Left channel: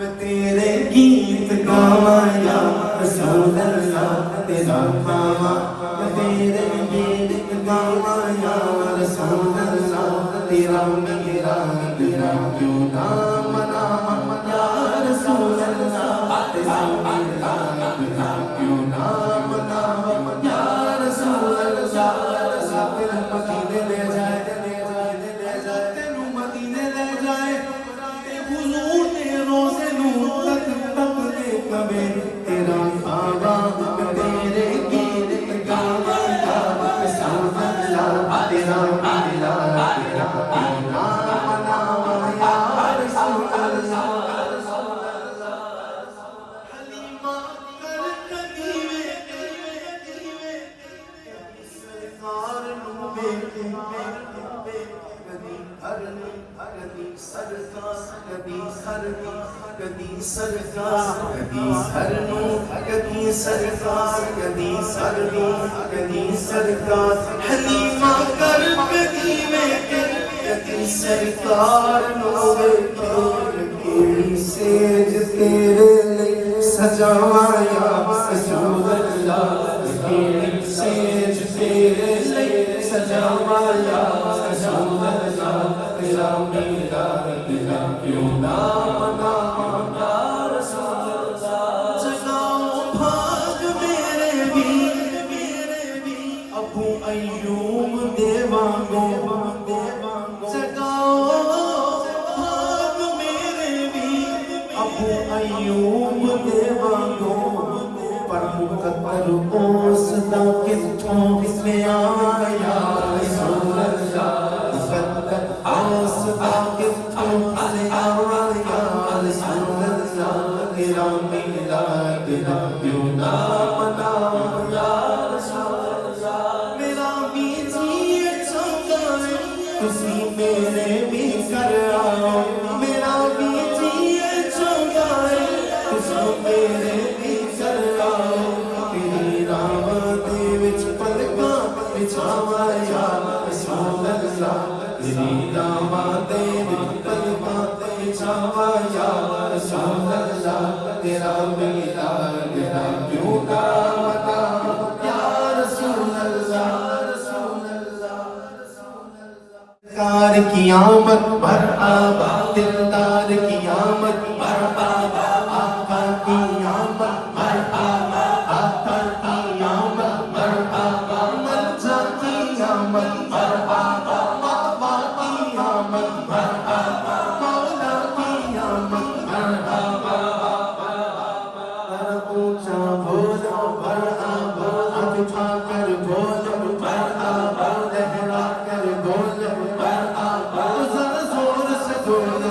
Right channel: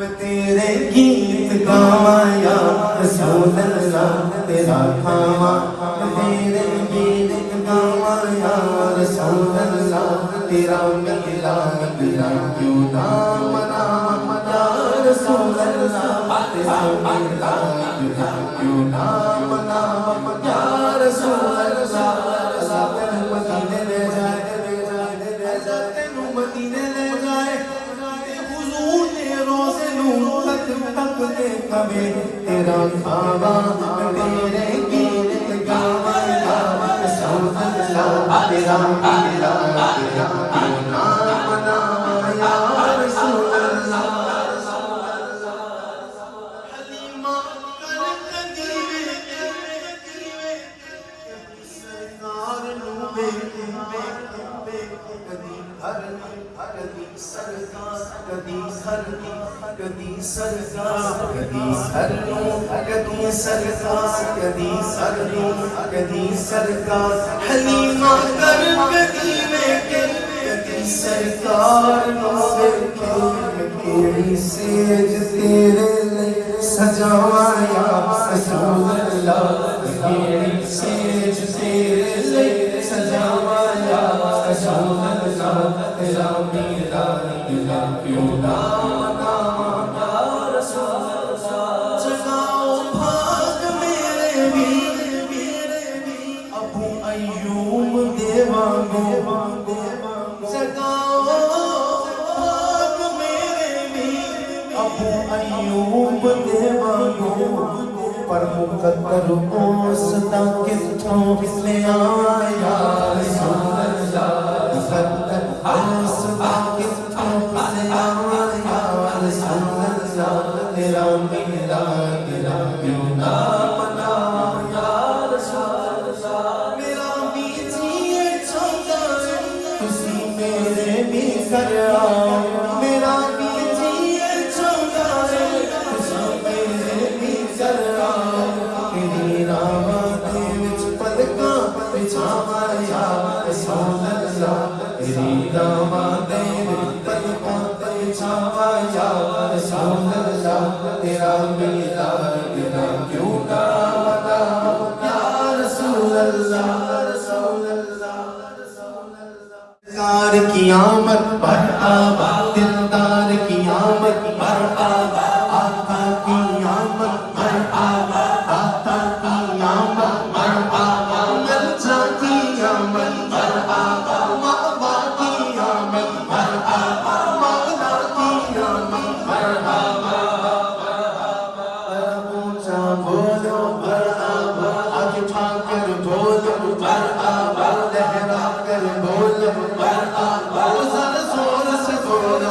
تیرے گیت گاواں یا رسول اللہ تیرا کھاواں تیرے گیت گاواں یا رسول اللہ تیرا میلاد تیرا کیوں نہ مناواں یا رسول اللہ تیرا میلاد تیرا کیوں نہ مناواں یا رسول اللہ مدینے لے جائے تینوں مدینے لے جائے حضور نے روزے نوں تک تک کے کبے تیرا کھاواں تیرے گیت گاواں یا رسول اللہ تیرا میلاد تیرا کیوں نہ مناواں یا رسول اللہ حلیمہ کر قدیوے سرکار نوں کدی سرکار حلیمہ کر قدیوے کدی سرکار نوں ویکھے کیڑی سیج تیرے لئی سجاواں یا رسول اللہ کیڑی سیج تیرے لئی سجاواں یا رسول اللہ تیرا میلاد تیرا کیوں نہ مناواں یا رسول اللہ جگاؤ بھاگ میرے بھی ابو ایوب دے وانگوں جگاؤ بھاگ میرے بھی ابو ایوب دے وانگوں پر مقدر اس دا کتھوں کسے آواں یا رسول اللہ مقدر اس دا کتھوں کسے آواں یا رسول اللہ تیرا میلاد تیرا کیوں نہ مناواں یا رسول اللہ میرا بھی جی چاہتا ہے تسی میرے بھی کر آؤ میرا بھی جی چاہتا ہے تسی میرے بھی کر آؤ تیری راہاں دے وچ پلکاں بچھاواں یا رسول اللہ تیری راہاں دے وچ پلکاں بچھاواں یا رسول اللہ تیرا میلاد تیرا کیوں نہ مناواں یا رسول اللہ دلدار کی آمد پر آباد دلدار کی آمد پر آباد آقا کی آمد پر آباد آقا کی آمد پر آباد ملجا کی آمد پر آباد مولا کی آمد پر آباد مولا کی آمد پر آباد اونچا بولو پر آباد آج اٹھا کر بولو پر آباد لہرا کر بولو پر آباد زور سے بولو